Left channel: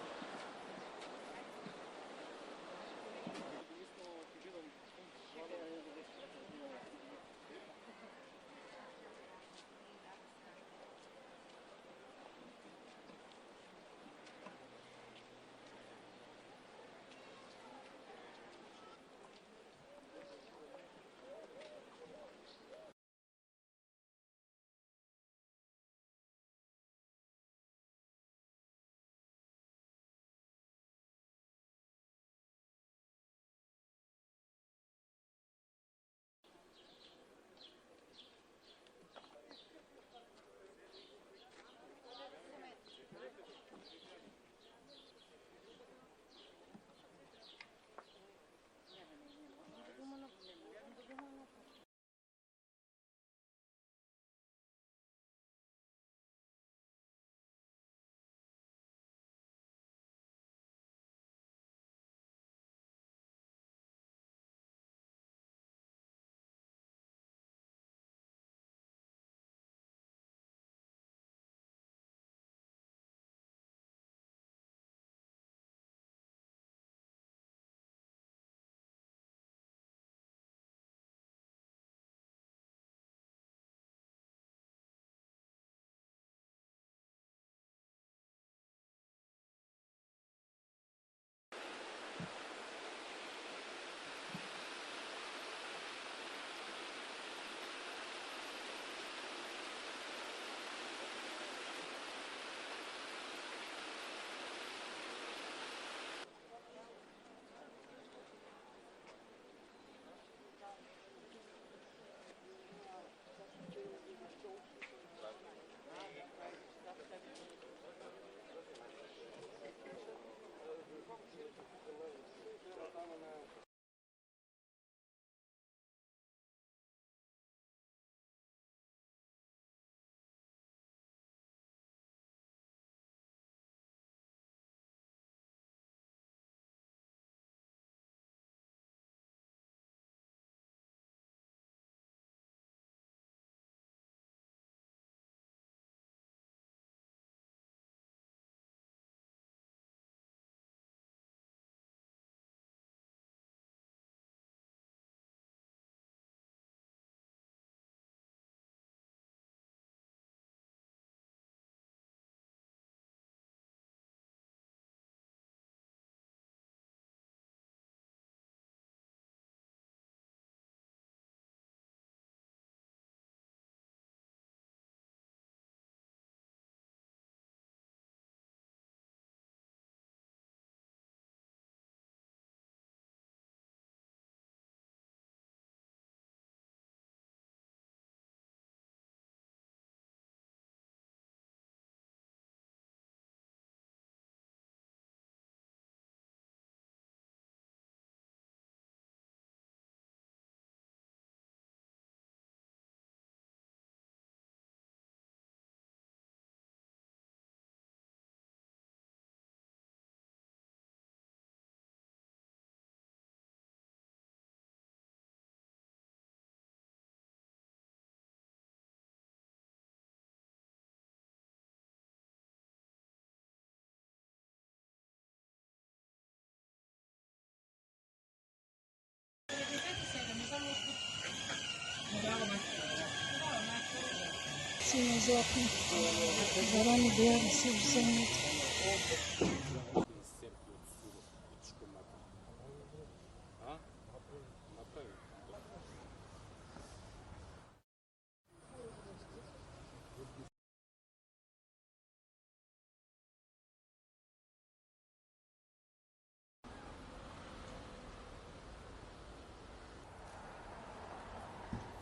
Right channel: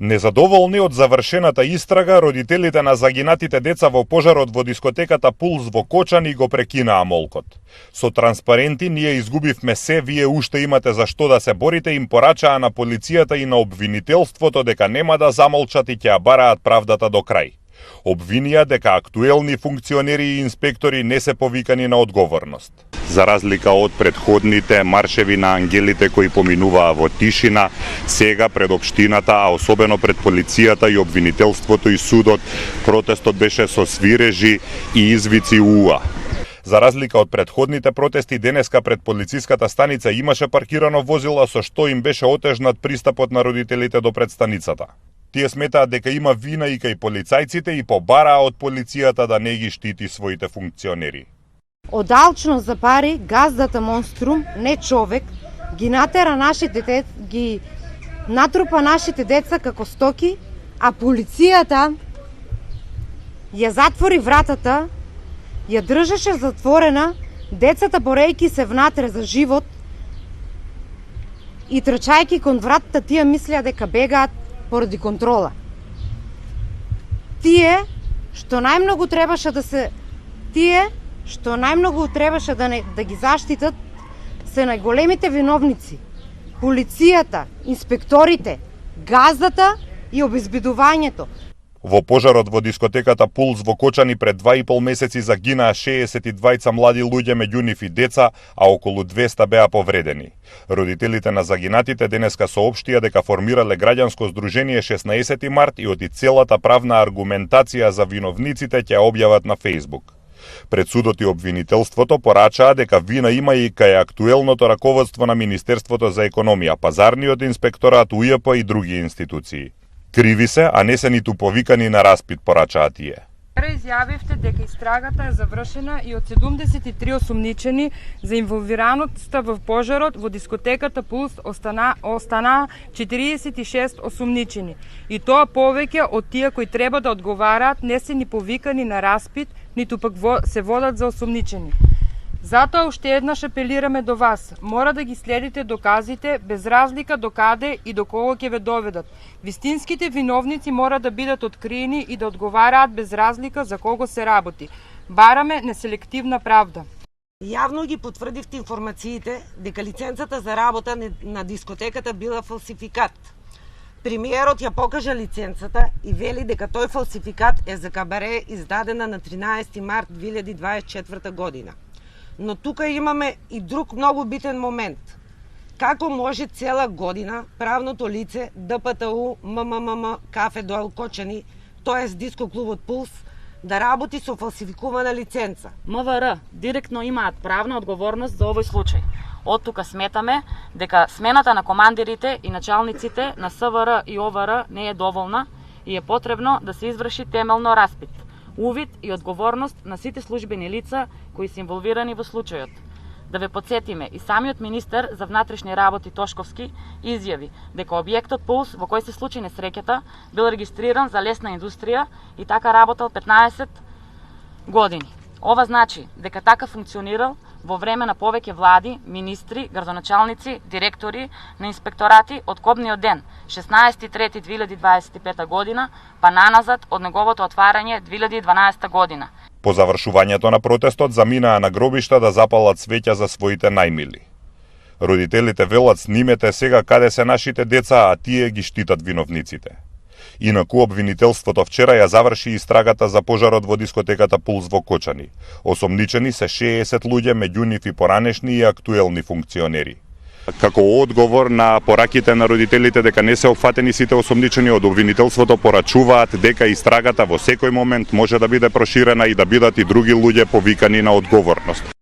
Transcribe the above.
Незадоволни од завршената истрага, родителите на загинатите деца во пожарот во дискотеката Пулс во Кочани го прекинаа молкот. Со транспаренти ние изгубивме се, вие уште имате за што да се борите, им порачаа на полицијата и на обвинителството дека нема да замолчат и ќе ја бараат правдата до крај. Обвинија дека актуелни функционери и инспектори не се повикани на одговорност. За разлика од предходните маршеви на ангелите кои поминуваа во тишина, сега пред општината, а особено пред полицијата и обвинителството и судот, протестот беше со свирежи и извици уа. За разлика од предходните протести, денеска пред полициската станица имаше паркирано возило со што им беше отежнат пристапот на родителите до предстаницата. Тие сметаат дека има вина и кај полицајците и побараа од полицијата да не ги штити своите функционери. Од алчност за пари, газдата монструм, не човек, ги натера нашите деца, ги натрупа нашите деца како стоки, а полицијата ја затвори вратата, ја држеше затворена, децата борејки се внатре за живот и трчајки кон вратата, тие мислеа дека бегаат поради контрола. Тие што најмногу требаше да ги заштитат се најголемите виновници. Полицијата, инспекторите, газдата и обезбедувањето. Во пожарот во дискотеката Пулс во Кочани пред 2,5 месеци загинаа 62 млади луѓе, меѓу нив и деца, а околу 200 беа повредени. Родителите на загинатите денеска соопштија дека формирале граѓанско здружение 16 март и од целата правна аргументација за виновниците ќе објават на Facebook. Пред судот и обвинителството порачаа дека вина има и кај актуелното раководство на Министерството за економија, пазарниот инспекторат, УЈП и други институции. Криви се, а не се ниту повикани на распит, порачаа тие. Изјавивте дека истрагата е завршена и од 73 осумничени за инволвираноста во пожарот во дискотеката Пулс останаа 46 осумничени. И тоа повеќе од тие кои треба да одговараат не се ни повикани на распит, ниту пак се водат за осумничени. Затоа уште еднаш апелираме до вас. Мора да ги следите доказите без разлика до каде и до кого ќе ве доведат. Вистинските виновници мора да бидат откриени и да одговараат без разлика за кого се работи. Бараме неселективна правда. Јавно ги потврдивте информациите дека лиценцата за работа на дискотеката била фалсификат. Премиерот ја покажа лиценцата и вели дека тој фалсификат е за кабаре издадена на 13 март 2024 година. Но тука имаме и друг многу битен момент. Како може цела година правното лице ДПТУ МММ Кафе Доел Кочани, т.е. диско клубот Пулс, да работи со фалсификувана лиценца? МВР директно имаат правна одговорност за овој случај. Од тука сметаме дека смената на командирите и началниците на СВР и ОВР не е доволна и е потребно да се изврши темелно распит, увид и одговорност на сите службени лица кои се инволвирани во случајот. Да ве подсетиме, и самиот министер за внатрешни работи Тошковски изјави дека објектот Пулс во кој се случи несреќата бил регистриран за лесна индустрија и така работел 15 години. Ова значи дека така функционирал во време на повеќе влади, министри, градоначалници, директори на инспекторати од кобниот ден 16.3.2025 година па наназад од неговото отварање 2012 година. По завршувањето на протестот заминаа на гробишта да запалат свеќа за своите најмили. Родителите велат снимете сега каде се нашите деца, а тие ги штитат виновниците. Инаку обвинителството вчера ја заврши истрагата за пожарот во дискотеката Пулс во Кочани. Осомничени се 60 луѓе, меѓу нив и поранешни и актуелни функционери. Како одговор на пораките на родителите дека не се опфатени сите осомничени, од обвинителството порачуваат дека истрагата во секој момент може да биде проширена и да бидат и други луѓе повикани на одговорност.